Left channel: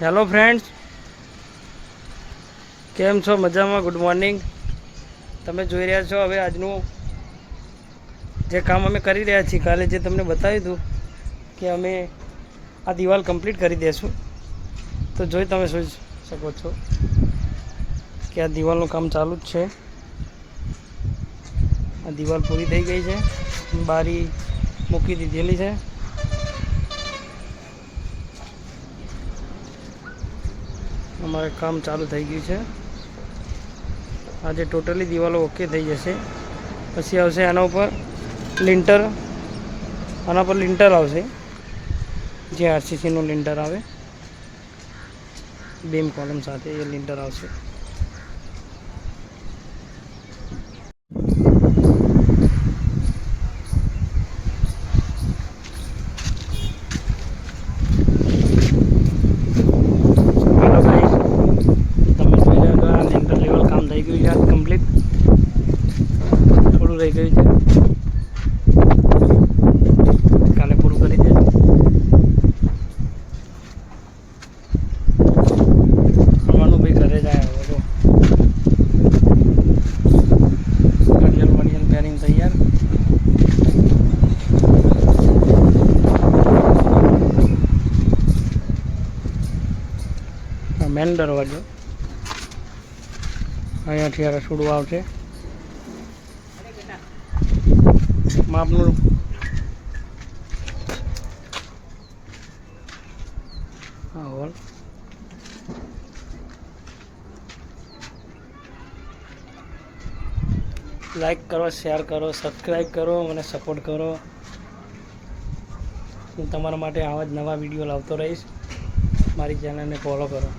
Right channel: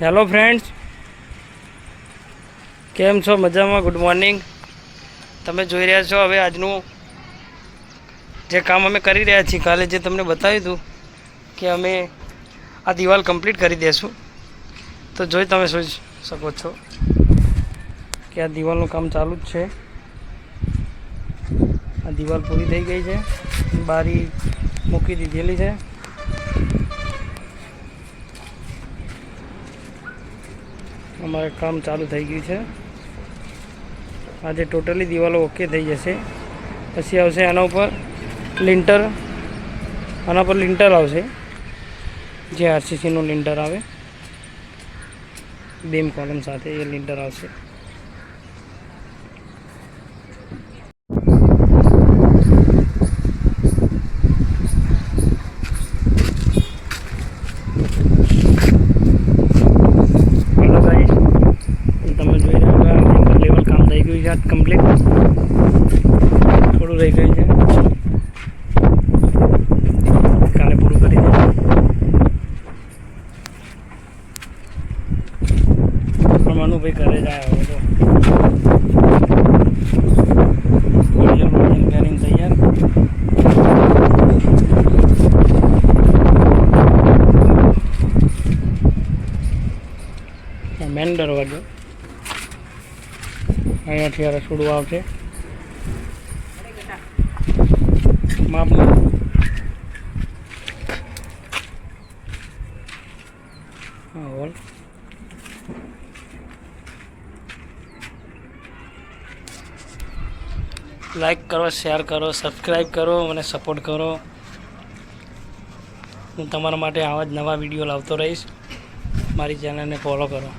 Hello friends, કેમ છો? મજામાં? Good morning. તમે જોઈ રહ્યા છો હવે આજનું જે કામ અમે કરી રહ્યા છીએ. કાલે જે તમને બતાવ્યું હતું કે અમે આ દિવાલ કમ્પ્લીટ કરી દઈશું, તો જોઈ તમે જોઈ શકો છો કે આ દિવાલનું કામ ચાલુ જ છે. આ દિવાલ પૂરી થઈ ગઈ છે, બારી મૂકી દીધેલી છે. અમારે કામ ચાલુ થઈ ગયું છે. આજે ટોટલી દિવાલો ઓકે થઈ જશે. પછી આવશે આના ઉપર લિન્ટર, આના પર લિન્ટર આવશે, જે આરસીસીનું લિન્ટર આવે, બીમ કોલમ સાથે એ લિન્ટર આવશે. હેલો ગાઈસ, તમે જોઈ રહ્યા છો લિન્ટર લેવલ કામ થઈ ગયું છે. આ કમ્પ્લીટ, થોડું રહી ગયું છે, કાલે પૂરું કરી દેજો. મનુભાઈ ઘરે જાય હવે તો કરીને તૈયાર. મેન દરવાજો અહીંયાથી આ રસોડું આવશે. માપનું હા હોલ. લાઈક કરો, શેર કરો, સબસ્ક્રાઈબ કરો, મને સપોર્ટ કરો. હું તમારા માટે આવા જ નવા વિડીયો લાવતો રહીશ. મારી ચેનલને ફોલો કરો.